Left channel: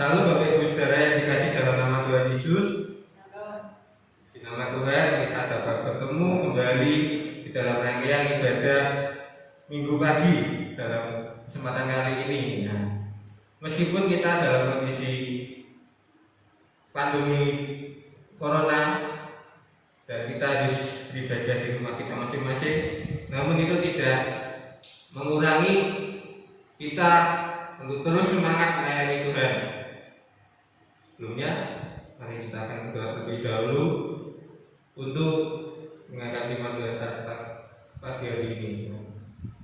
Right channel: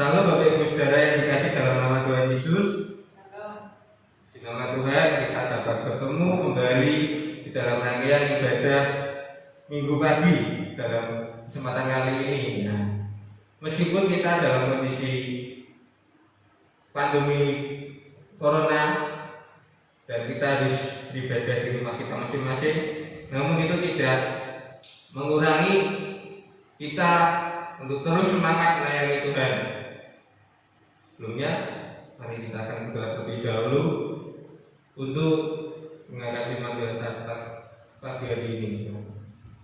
Salam Bapak Ibu Saudara yang dikasih dalam nama Tuhan Yesus. Di nama Tuhan kita dapat bertemu kembali di dalam rangkaian ibadah Minggu pagi dalam kesempatan kali ini. Nah, meskipun kita dalam kondisi pandemi Corona dan kita harus beribadah di rumah kita masing-masing, namun itu tidak mengurangi kita untuk terus semangat melayani Tuhan. Sebelumnya, mari kita akan berdoa terlebih dahulu untuk menghadapi panggilan saat pagi hari ini.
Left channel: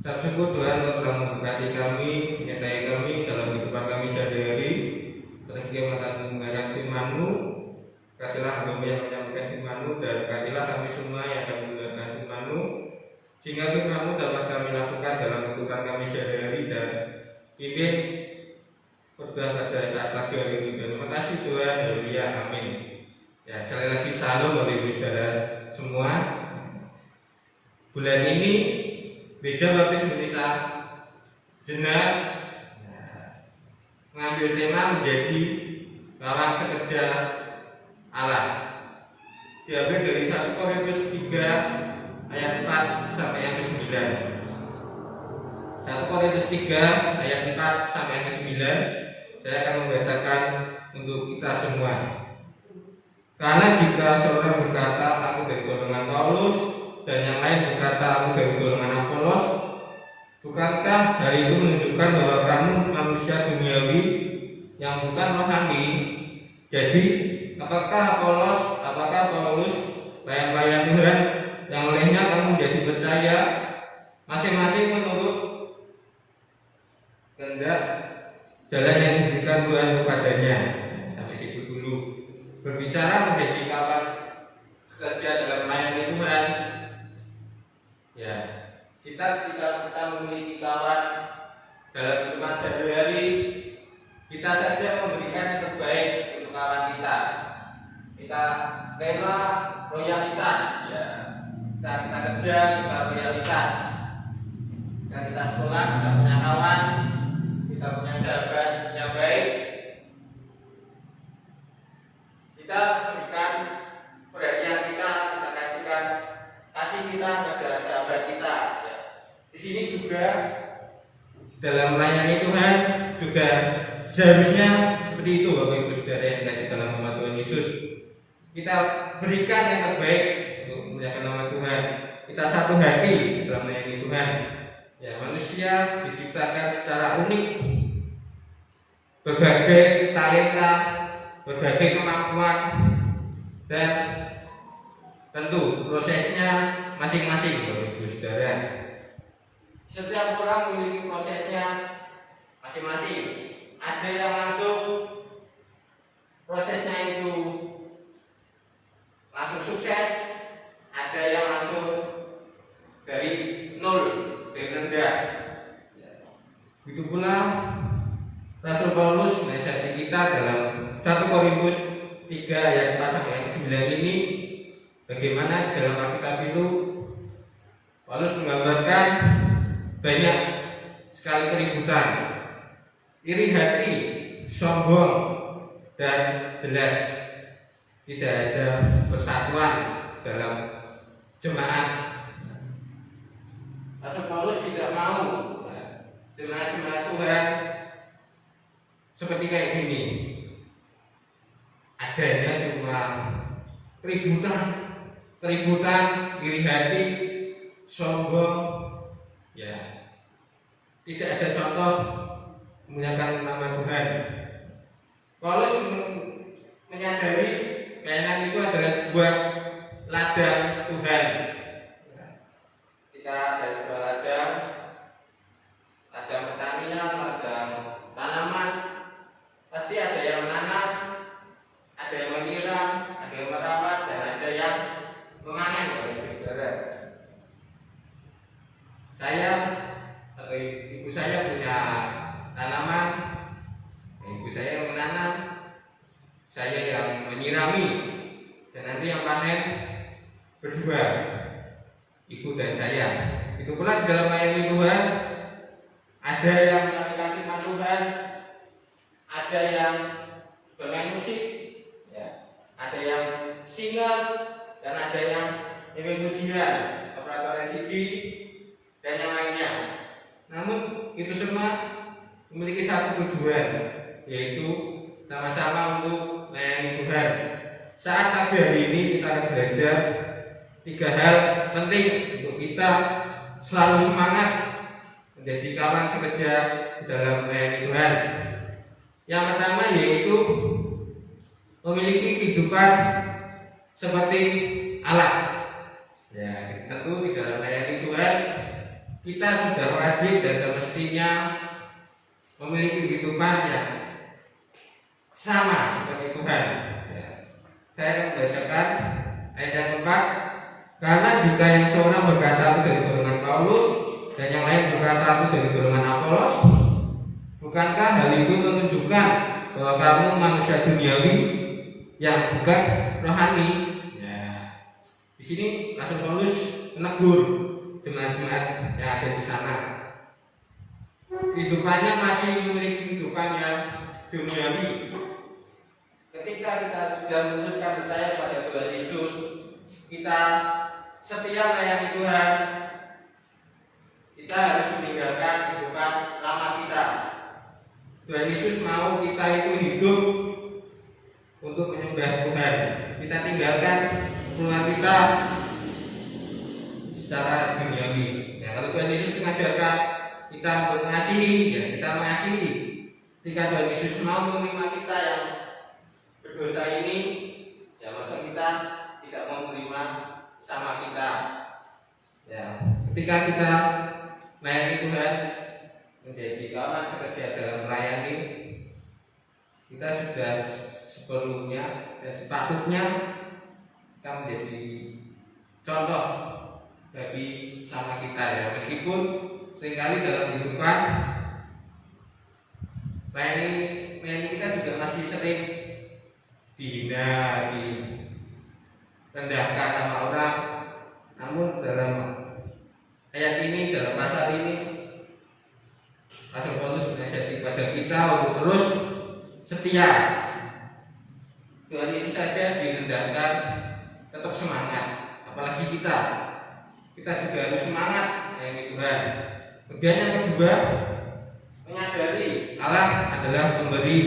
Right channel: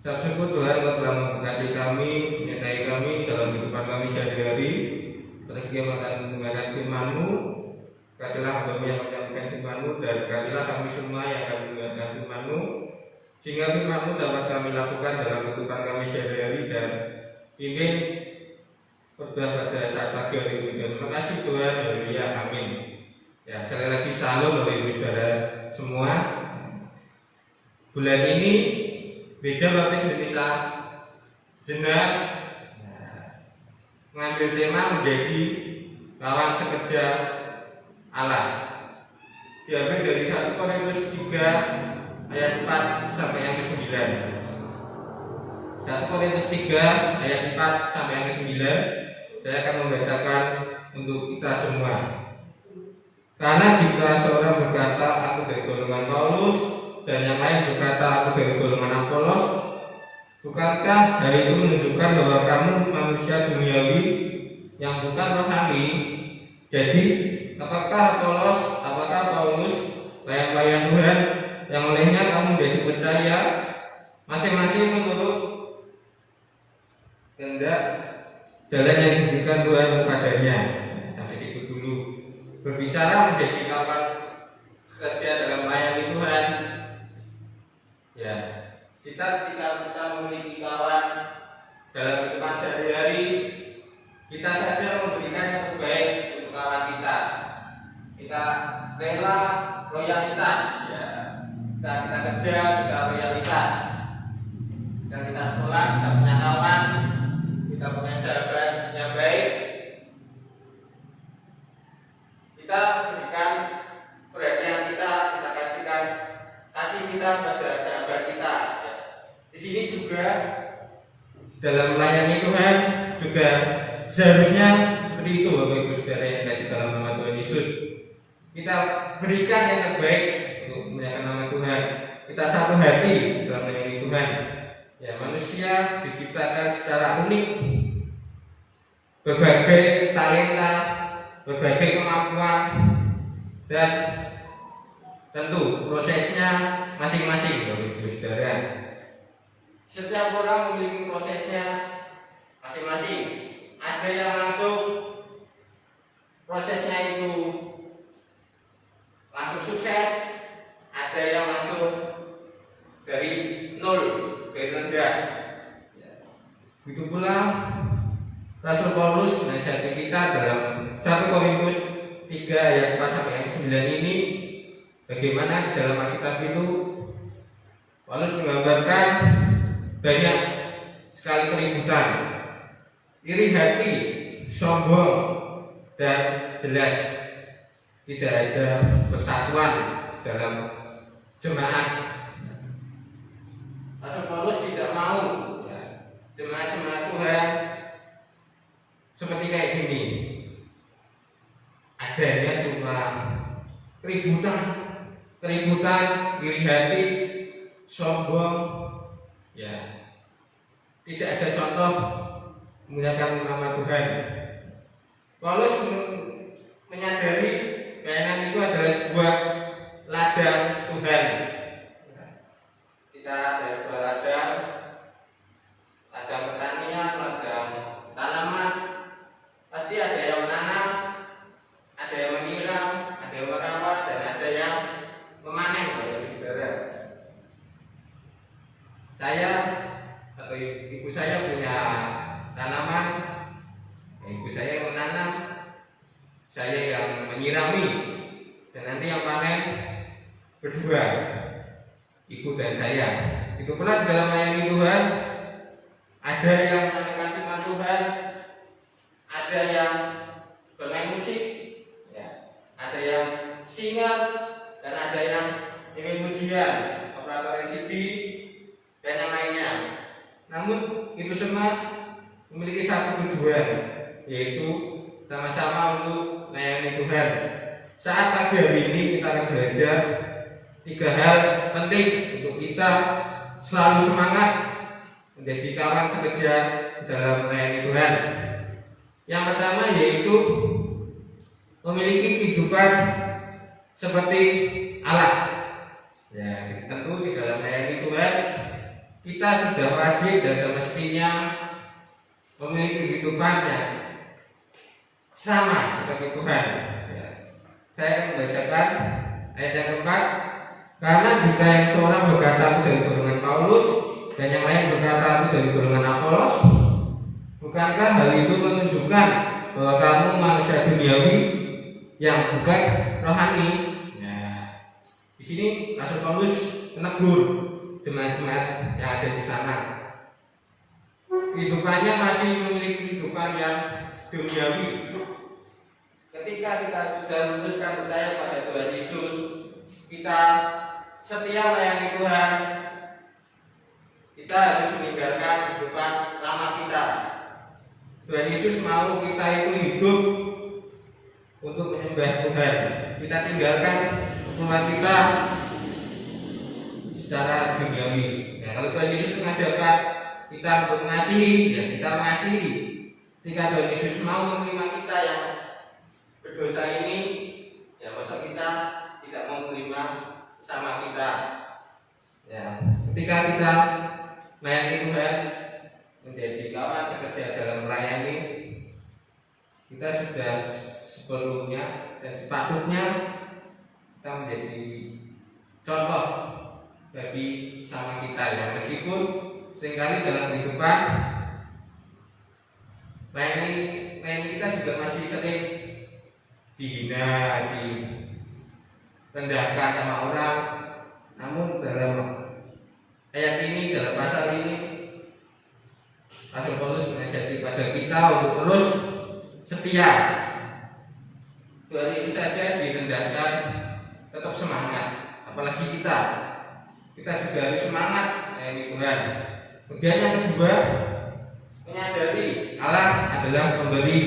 Ucap syukur Tuhan Engkau telah memberkati kami, menyertai kami dalam kehidupan kami sehari-hari. Terus Dia akan menghadapi firman-Mu. Katilah hamba yang menyampaikan firman-Mu, dan katilah kami semua yang akan mendengarkan firman-Mu, sehingga firman-Mu dapat kami lakukan dalam kehidupan kami sehari-hari dan pimpin berdoa pada saat pagi hari ini. Terima kasih Tuhan, haleluya, amin. Ya, sekali lagi salam Bapak Ibu Saudara semua. Bulan ini Gereja Baptis Indonesia Jenar mengambil tema menjadi kawan sekerja Allah. Diambil dari 1 Korintus 3 ayat 4 sampai yang ke-9. 1 Korintus 3 ayat 4 sampai yang ke-9. Saya akan membacakan untuk kita semua. Karena jika seorang berkata aku dari golongan Paulus, dan yang lain berkata aku dari golongan Apolos, bukankah hal itu menunjukkan bahwa kamu manusia duniawi yang bukan rohani? Jadi apakah Paulus pelayan Tuhan yang olehnya kamu menjadi percaya, masing-masing menurut kehendak jalan yang diberikan Tuhan kepadanya. Sampai situ dulu. Berbicara menjadi kawan kerja dalam melayani Tuhan. Ya, kita memiliki kawan dalam kehidupan sehari-hari, kita saja memberikan yang terbaik untuk kawan kita. Kita rela loyalitas, ya. Kita kerja, kita loyalitas. Dan kita sekolah, kita punya kawan, kita punya sahabat yang baik. Kita berikan perhatian kita kasihkan kasih kita kepada sahabat kita. Di sini juga dalam melayani Tuhan juga seharusnya seperti itu Bapak Ibu Saudara yang dikasih dalam nama Tuhan Yesus. Kita berikan yang terbaik untuk memuliakan nama Tuhan. Kita satu hati dalam melayani Tuhan. Ya, manusia diciptakan secara unik, berbagai talenta, berbagai kemampuan, dan tentu prosesnya masing-masing Bapak Ibu Saudara. Setiap orang memiliki prosesnya masing-masing. Ada yang langsung prosesnya itu langsung sukses, ada yang langsung dari nol, dari rendah. Begitu pula Rasul Paulus menasihati kita dalam 1 Korintus 3 ayat 4 sampai 9 ini, bagaimana di dalam Alkitab itu Paulus menggambarkan banyak sekali keributan, iri hati, sombong, dan jelas tidak ada persatuan dalam jemaat. Rasul Paulus tidak mau jemaat-jemaat Tuhan seperti kayak gini. Adanya cuma keributan, iri hati, sombong. Ya, tidak ada contoh memuliakan nama Tuhan. Paulus menyadari keinginan itu adalah sebuah ladang Tuhan. Kita ada sebuah ladang pertanian, ladang tanaman. Pasti ada yang menanam, ada yang menyiram, ada yang merawat, dan ada yang memanen. Saudara, saya atau ibu saya punya tanaman, ibu saya yang menanam, saya yang menyirami, dan nanti yang panen berdua, ibu dan saya. Itu pula di dalam melayani Tuhan, ada yang menyampaikan firman Tuhan, ada ada yang bermain musik, ya, ada yang singer, dan ada yang nyanyi pujian, operator LCD, dan yang lainnya. Namun itu semua memiliki satu tujuan, yaitu sama-sama untuk melayani Tuhan. Saat pagi hari ini kita akan belajar 3 hal penting untuk kita selalu semangat menjadi kawan sekerja dalam melayani Tuhan. Yang pertama yaitu memiliki kehidupan seperti Allah. Ya, tentu di dalam melayani Tuhan kita sudah wajib dan semestinya memiliki kehidupan yang sama seperti Tuhan. Ya. Saya membacakan ayat yang keempat. Karena jika yang seorang berkata aku dari golongan Paulus dan yang lain berkata aku dari golongan Apolos, bukankah hal itu menunjukkan bahwa kamu manusia duniawi yang bukan rohani? Nah, di sini Rasul Paulus menegur jemaat-jemaat yang ada di sana. Kehidupannya masih memiliki kehidupan yang duniawi. Ketika kita sudah memutuskan percaya pada Tuhan Yesus, kita setia melayani Tuhan, kita harus meninggalkan kehidupan lama kita. Tuhan Yesus mau kita itu hidup untuk menyembah Tuhan. Kita tinggalkan keluarga kita secara duniawi. Ya, kalau Tuhan Yesus mengajarkan kita untuk mengasihi, ya kita mengasihi. Ketika Tuhan Yesus mau menerima kita yang berdosa ini, ya masa kita tidak mau menerima sama kita. Ya, ketika kita melayani Tuhan, menjadi kawan sekerja dalam melayani, kita sudah sebelumnya dan sepatutnya kita menjadi contoh bagi sama kita, ya meskipun seringkali dalam kehidupan melayani kita juga masih sering dihina, direndahkan sama orang. Namun dalam ayat ini, dalam pasal ini, Rasul Paulus menasihati kepada kita untuk terus setia. Tuhan Yesus saja direndahkan, tetap semangat. Apalagi kita juga harus semangat melayani Tuhan. Kemudian yang kedua, menyadari Allah adalah pemberi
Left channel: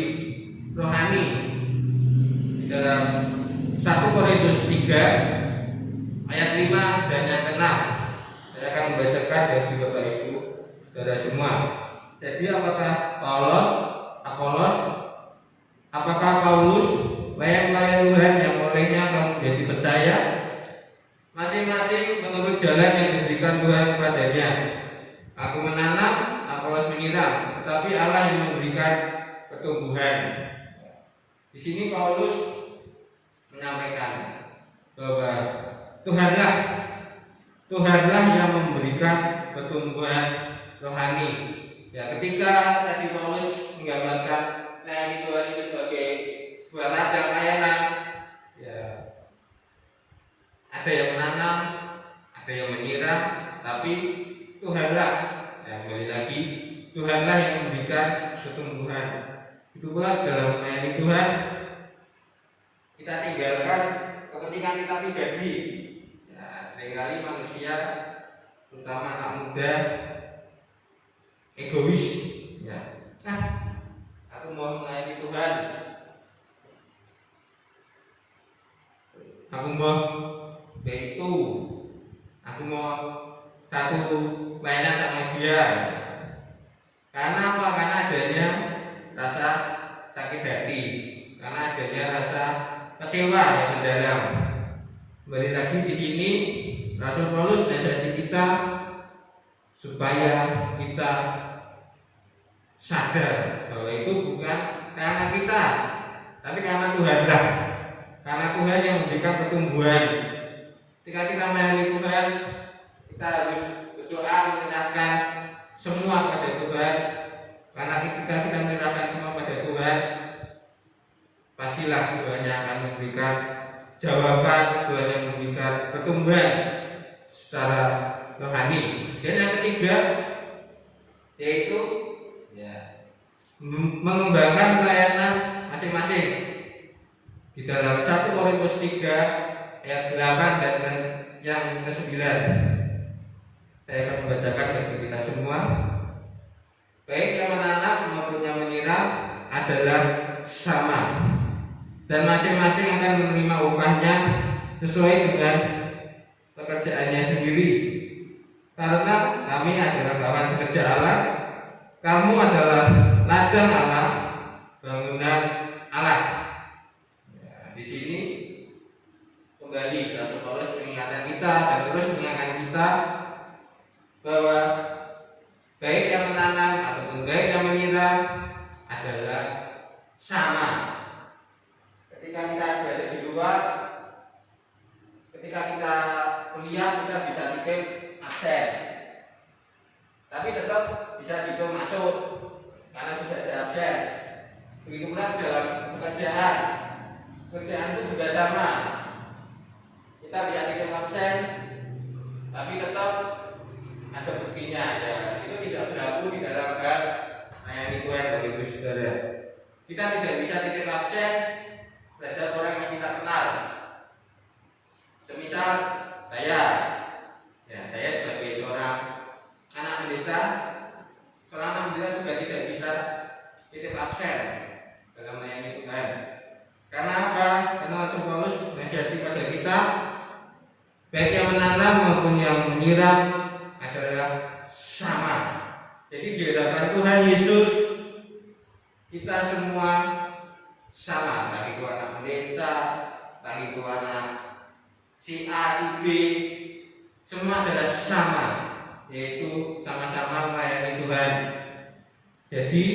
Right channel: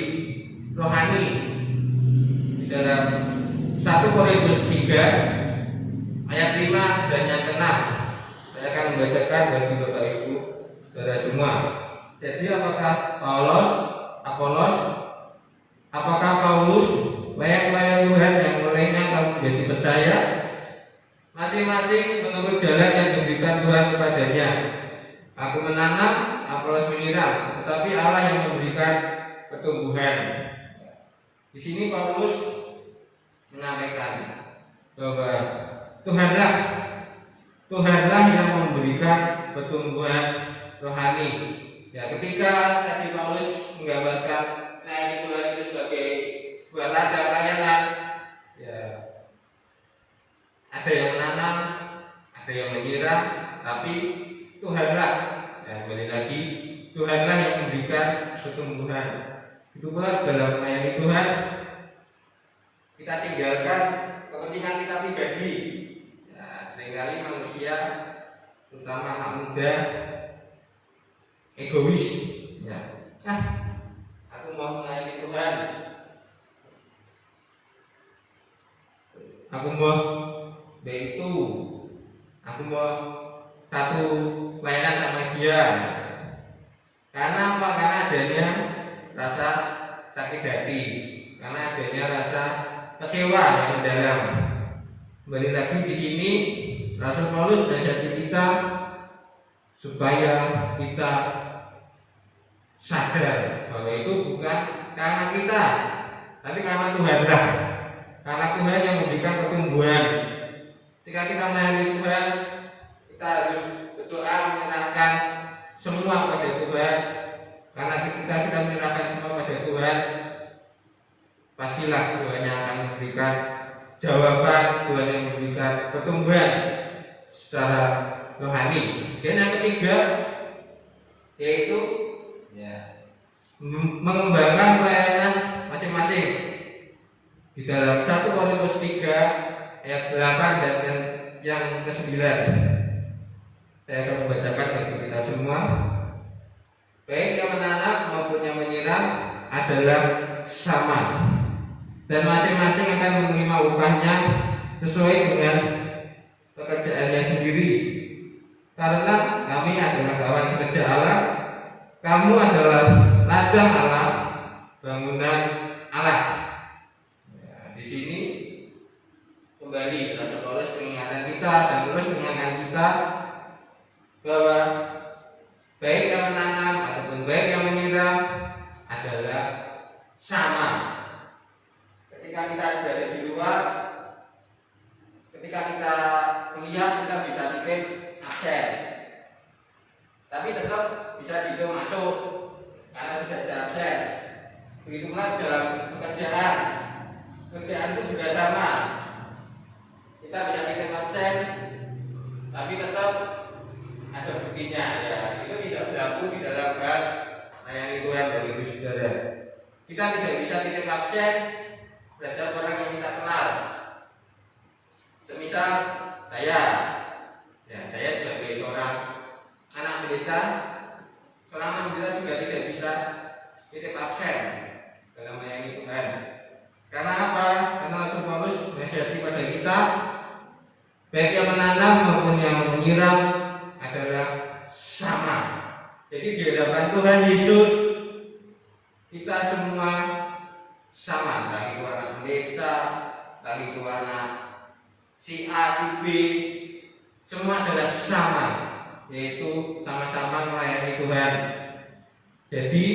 rohani. Di dalam 1 Korintus 3 ayat 5 dan yang ke-6, saya akan membacakan bagi Bapak Ibu saudara semua. Jadi apakah Apolos, apakah Paulus, layang-layang Tuhan yang olehnya kamu menjadi percaya? Masing-masing menurut jalan yang diberikan Tuhan kepadanya. Aku menanam, Apolos menyiram, tetapi Allah yang memberikan pertumbuhan. Di sini Paulus menyampaikan bahwa Tuhanlah yang memberikan pertumbuhan rohani. Ya, ketika tadi Paulus menggambarkan melayani Tuhan itu sebagai sebuah ladang layanan, ya, ada yang menanam, ada yang menyiram, tapi Tuhanlah, ya, kembali lagi, Tuhanlah yang memberikan pertumbuhan. Itu pula dalam melayani Tuhan, kita tinggalkan kepentingan kita pribadi. Ya, seringkali manusia, terutama anak muda, egois. Ya, aku mau melayani Tuhan, aku mau itu, aku mau satu pelayanan sama dia. Karena apa? Karena adanya rasa sakit hati, karena adanya rasa kecewa yang mendalam. Kembali lagi di sini Rasul Paulus menasihati kita supaya kita sadar bahwa itu bukan karena kita, tapi karena Tuhanlah. Karena Tuhan yang memberikan pertumbuhan. Ketika kita melayani Tuhan, kita harus berdoa menyerahkan semua pada Tuhan. Karena ketika kita menyerahkan semua pada Tuhan, pastilah Tuhan yang akan memberikan jawaban, Tuhan yang memberikan pertumbuhan secara rohani. Dan yang ketiga yaitu mengembangkan pelayanan masing-masing. Di dalam 1 Korintus 3 ayat 8 dan yang ke-9, saya akan membacakan bagi kita semua. Baik yang menanam maupun yang menyiram adalah sama, dan masing-masing akan menerima upahnya sesuai dengan pekerjaannya sendiri. Karena kami adalah kawan sekerja Allah, kamu adalah ladang Allah, bangunan Allah. Nah, di sini kembali Rasul Paulus mengingatkan kita dan terus mengingatkan kita bahwa baik yang menanam ataupun baik yang menyiram adalah sama. Ketika kita berada di luar, ketika kita kuliah, kita bisa kirim absen, tapi tetap bisa dihitung masuk karena sudah ada absen. Begitu pula dalam pekerjaan itu juga sama. Kita bisa dihitung absen, tapi tetap ada buktinya. Ya, itu tidak berlaku di dalam hal yang itu Bapak Ibu Saudara. Kita tidak bisa titik absen terhadap orang yang kita kenal. Semisal saya sebagai seorang anak pendeta, juga tidak bisa titik absen dalam melayani Tuhan. Karena apa? Karena Rasul Paulus menasihati pada kita, baik yang menanam maupun yang menyiram adalah sama. Jadi di hadapan Tuhan Yesus kita semua sama, entah itu anak pendeta, entah itu anak si A, si B, semua adalah sama, yaitu sama-sama melayani Tuhan. Jadi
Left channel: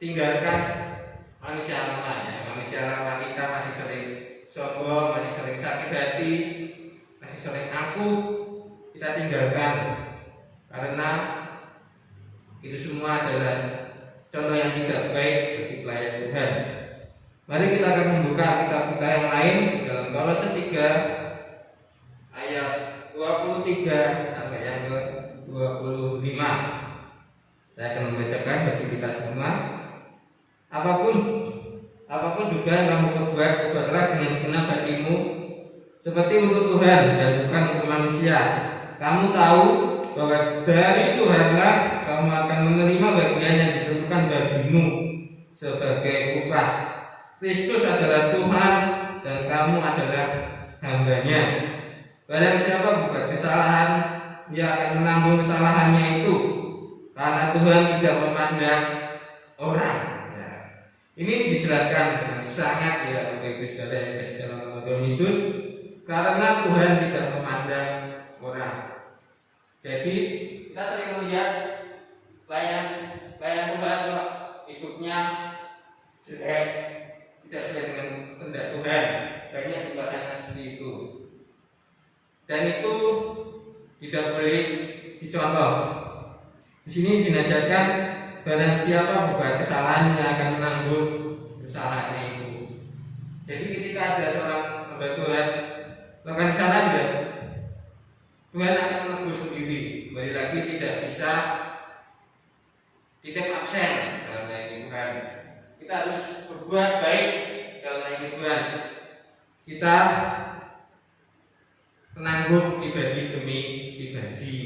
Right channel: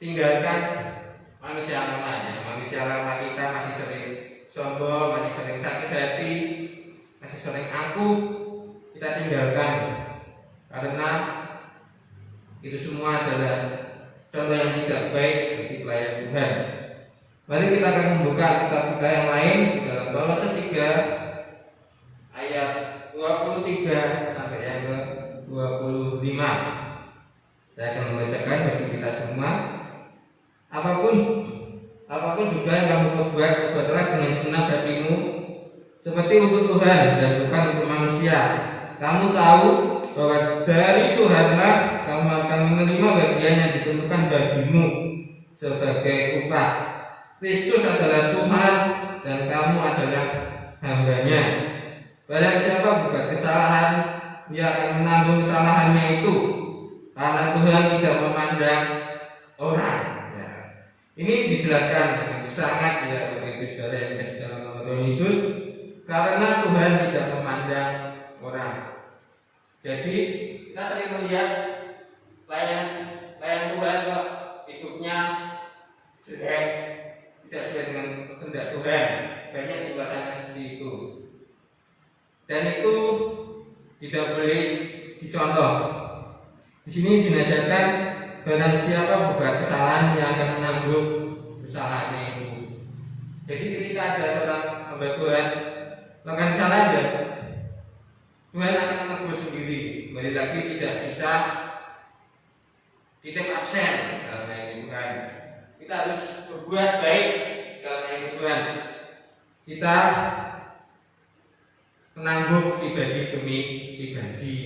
tinggalkan manusia lama. Manusia lama kita masih sering sombong, masih sering sakit hati, masih sering angkuh. Kita tinggalkan, karena itu semua adalah contoh yang tidak baik bagi pelayan Tuhan. Mari kita akan membuka kitab kita yang lain di dalam Kolose 3 ayat 23 sampai yang ke-25. Saya akan membacakan bagi kita semua. Apapun juga yang kamu perbuat, perbuatlah dengan segenap hatimu, seperti untuk Tuhan dan bukan untuk manusia. Kamu tahu bahwa dari Tuhanlah kamu akan menerima bagian yang ditentukan bagimu sebagai upah. Kristus adalah Tuhan dan kamu adalah hambanya. Barang siapa berbuat kesalahan, dia akan menanggung kesalahannya itu, karena Tuhan tidak memandang orang. Ini dijelaskan dengan sangat Bapak Ibu Saudara yang kasih dalam nama Tuhan Yesus, karena Tuhan tidak memandang orang. Jadi kita sering melihat pelayan Tuhan kok hidupnya jelek, tidak sesuai dengan kehendak Tuhan. Banyak tindakan seperti itu, dan itu tidak boleh dicontoh. Di sini dinasihatkan, barang siapa berbuat kesalahan, yang akan menanggung kesalahannya itu. Jadi ketika ada seorang hamba Tuhan melakukan kesalahan, Tuhan akan menegur sendiri. Kembali lagi, tidak bisa tidak absen dalam melayani Tuhan. Kita harus berbuat baik dalam melayani Tuhan. Kita menanggung pribadi demi pribadi.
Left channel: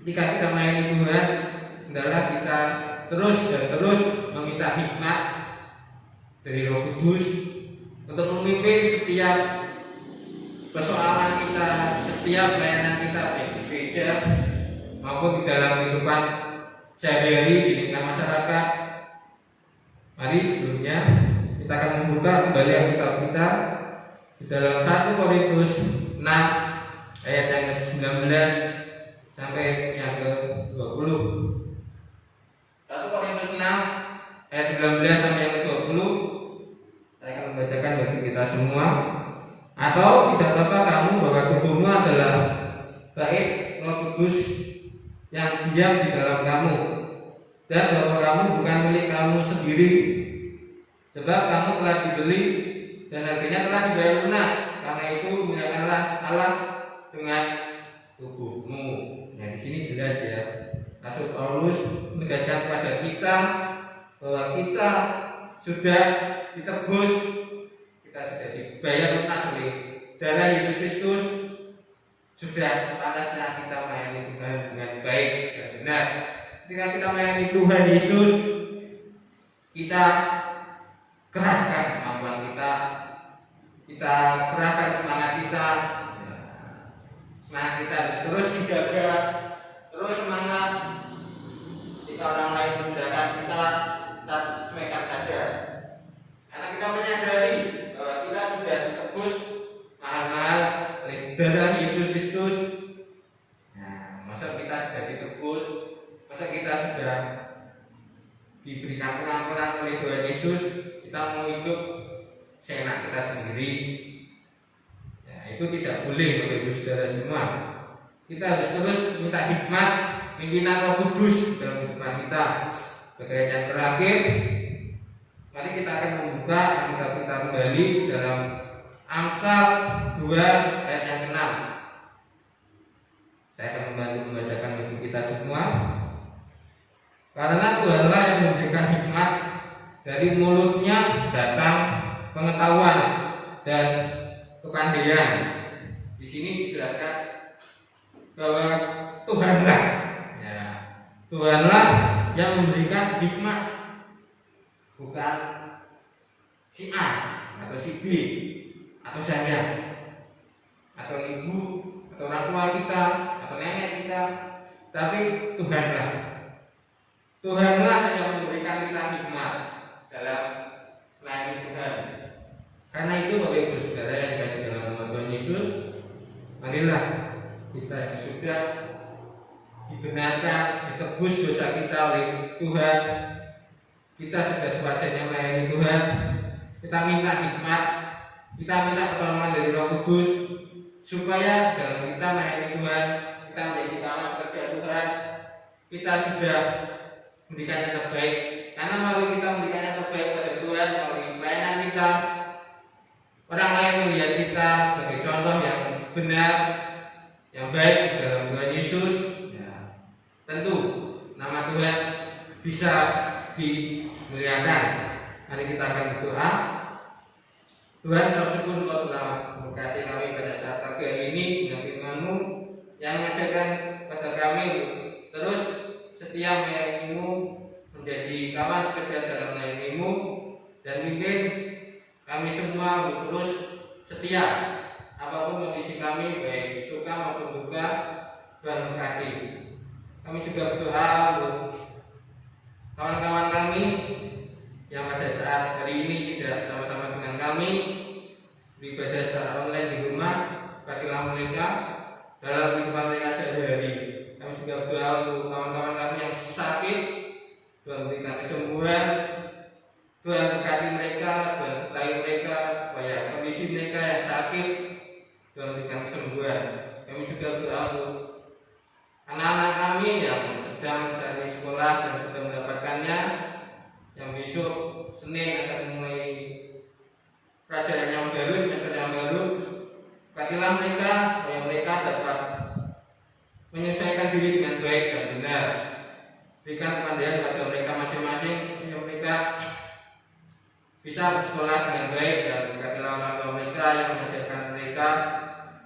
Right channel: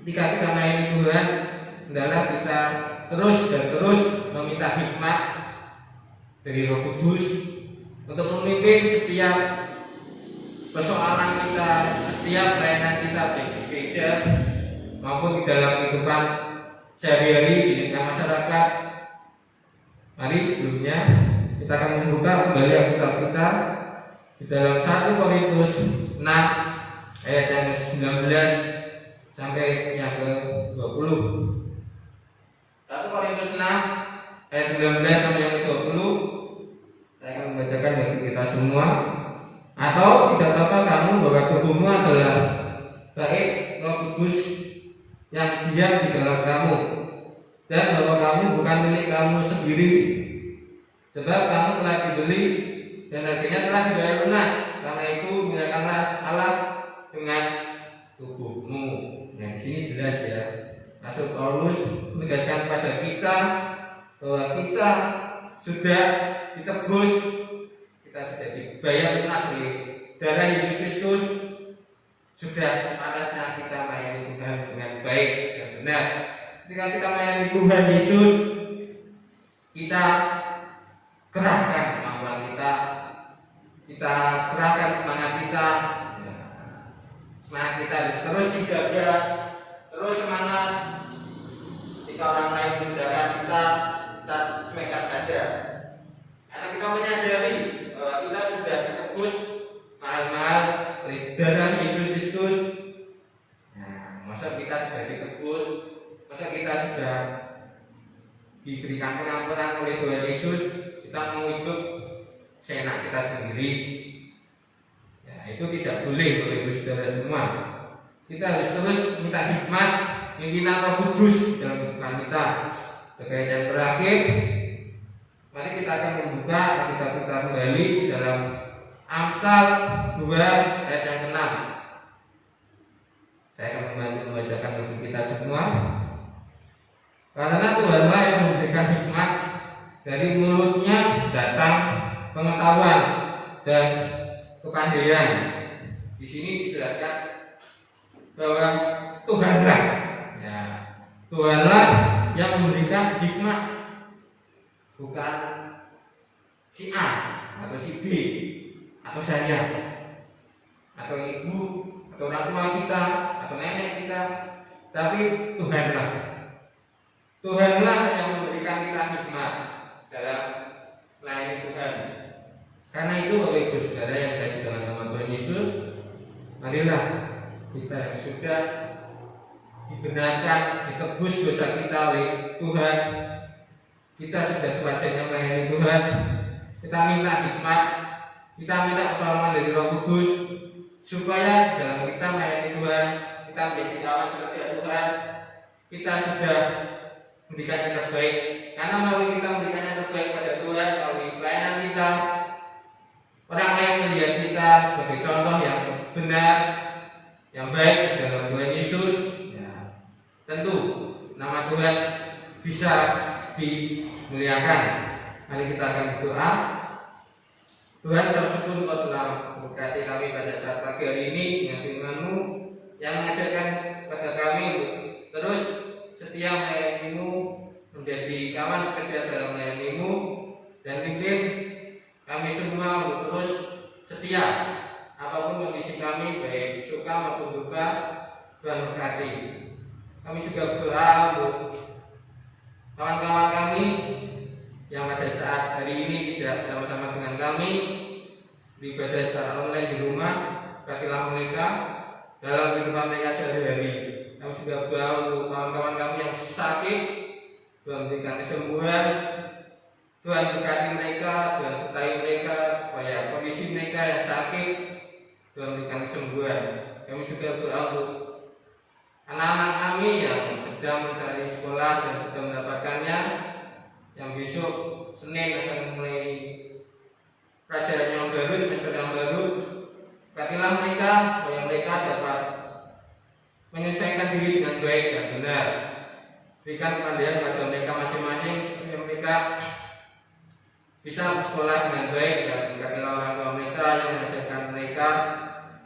Ketika kita melayani Tuhan, hendaklah kita terus meminta hikmat dari Roh Kudus untuk memimpin setiap persoalan kita, setiap pelayanan kita, baik di gereja maupun di dalam kehidupan sehari-hari di lingkungan masyarakat. Mari sebelumnya kita akan membuka kembali Alkitab kita di dalam 1 Korintus 6 ayat yang ke-19 sampai yang ke-20. 1 Korintus 6 ayat 19 sampai yang ke-20. Saya akan membacakan bagi kita semua. Atau tidak tahukah kamu bahwa tubuhmu adalah bait Roh Kudus yang diam di dalam kamu, dan bahwa kamu bukan milik kamu sendiri, sebab kamu telah dibeli dan harganya telah dibayar lunas. Karena itu muliakanlah Allah dengan tubuhmu. Nah, di sini jelas Rasul Paulus menegaskan kepada kita bahwa kita sudah ditebus, kita sudah dibayar lunas oleh darah Yesus Kristus. Sudah sepantasnya kita melayani Tuhan dengan baik dan benar. Ketika kita melayani Tuhan Yesus, kita kerahkan kemampuan kita kerahkan semangat kita. Semangat kita harus terus dijaga, terus semangat. Jika orang lain meninggalkan kita cuekkan saja. Karena kita menyadari bahwa kita sudah ditebus mahal-mahal oleh darah Yesus Kristus. Nah, masa kita sudah ditebus, masa kita sudah diberikan pengampunan oleh Tuhan Yesus, kita mau hidup seenak kita sendiri. Ya, itu tidak boleh Bapak Ibu Saudara semua. Kita harus terus minta hikmat pimpinan Roh Kudus dalam kehidupan kita. Sebagai yang terakhir, mari kita akan membuka kita kembali dalam Amsal 2 ayat yang ke-6. Saya akan membantu membacakan bagi kita semua. Karena Tuhanlah yang memberikan hikmat, dari mulutnya datang pengetahuan dan kepandaian. Di sini dijelaskan bahwa Tuhanlah, ya, Tuhanlah yang memberikan hikmat, bukan si A atau si B atau saya atau ibu atau orang tua kita atau nenek kita, tapi Tuhanlah. Tuhanlah yang memberikan kita hikmat dalam melayani Tuhan. Karena itu Bapak Ibu Saudara yang dikasihi dalam nama Tuhan Yesus, marilah kita yang sudah dibenarkan, ditebus dosa kita oleh Tuhan, kita sudah sewajarnya melayani Tuhan, kita minta hikmat, kita minta pertolongan dari Roh Kudus, supaya dalam kita melayani Tuhan, kita menjadi kawan kerja Tuhan, kita sudah memberikan yang terbaik. Karena melalui kita memberikan yang terbaik pada Tuhan, melalui pelayanan kita, orang lain melihat kita sebagai contoh yang benar, yang baik dalam Tuhan Yesus. Ya, tentu nama Tuhan bisa dimuliakan. Mari kita akan berdoa. Tuhan, kami syukur Engkau telah memberkati kami pada saat pagi hari ini dengan firman-Mu yang mengajarkan kepada kami untuk terus setia melayani-Mu, menjadi kawan sekerja dalam melayani-Mu, dan bimbing kami semua untuk terus setia apapun kondisi kami, baik suka maupun duka. Tuhan berkati. Kami juga berdoa untuk kawan-kawan kami yang pada saat hari ini tidak sama-sama dengan kami beribadah secara online di rumah. Berkatilah mereka dalam kehidupan mereka sehari-hari. Kami juga berdoa untuk kawan-kawan kami yang sakit, Tuhan berikan kesembuhan. Tuhan berkati mereka, Tuhan sertai mereka supaya kondisi mereka yang sakit Tuhan berikan kesembuhan. Kami juga berdoa untuk anak-anak kami yang sedang mencari sekolah dan sudah mendapatkannya, yang besok Senin akan mulai pelajaran yang baru, semester yang baru. Berkatilah mereka supaya mereka dapat menyelesaikan diri dengan baik dan benar. Berikan kepandaian kepada mereka masing-masing supaya mereka bisa bersekolah dengan baik, dan berkatilah orang tua mereka yang mengajarkan mereka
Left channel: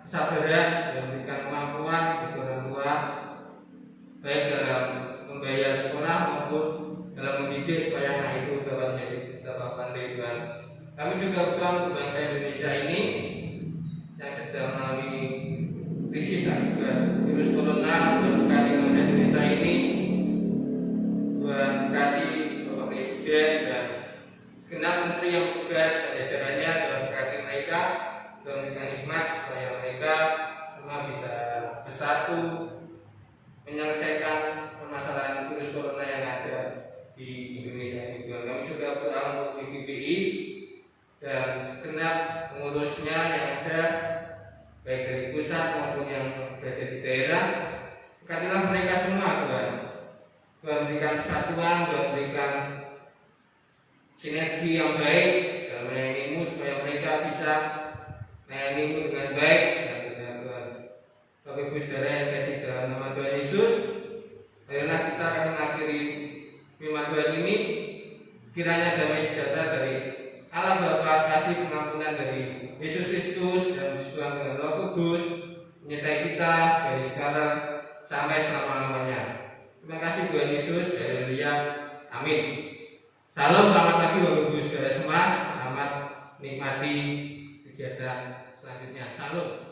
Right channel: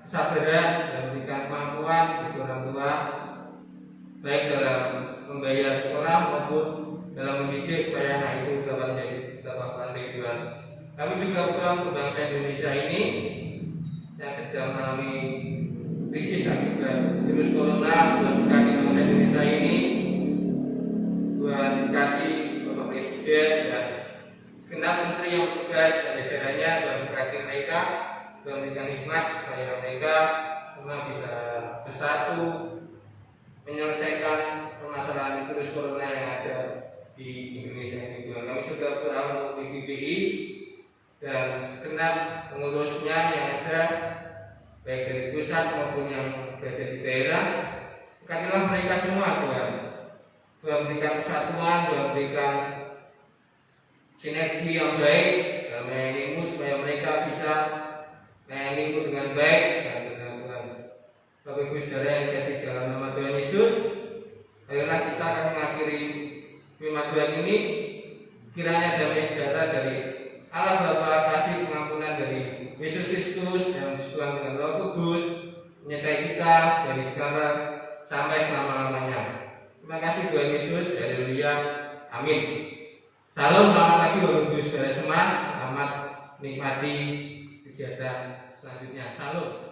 kesabaran dan memberikan kemampuan bagi orang tua, baik dalam membayar sekolah maupun dalam mendidik supaya anak itu dapat menjadi dapat pandai Tuhan. Kami juga berdoa untuk bangsa Indonesia ini yang sedang melalui krisis akibat virus corona. Tuhan berkati bangsa Indonesia ini, Tuhan berkati Bapak Presiden dan segenap menteri yang bertugas pada jajarannya. Tuhan berkati mereka, Tuhan berikan hikmat supaya mereka semua bisa bersatu menyelesaikan permasalahan virus corona yang ada di Indonesia ini. Tuhan, kami juga berdoa untuk PGBI dan segenap pengurusnya yang ada, baik dari pusat maupun yang berada di daerah. Berkatilah mereka semua Tuhan. Tuhan berikan kesatuan, Tuhan berikan sinergi yang baik dalam melayani-Mu supaya mereka bisa melayani-Mu dengan baik dan dengan Tuhan. Bapak Ibu Saudara yang dikasihi dalam nama Tuhan Yesus, marilah kita firman Tuhan ini, kiranya damai sejahtera dari Allah Bapa, kasih pengampunan dari Yesus Kristus dan Tuhan dengan Roh Kudus menyertai kita dari sekarang sampai selama-lamanya. Terima kasih Tuhan Yesus. Haleluya. Amin. Salam, selamat pagi Bapak Ibu Saudara semua. Selamat menikmati kegiatan selanjutnya. Salam.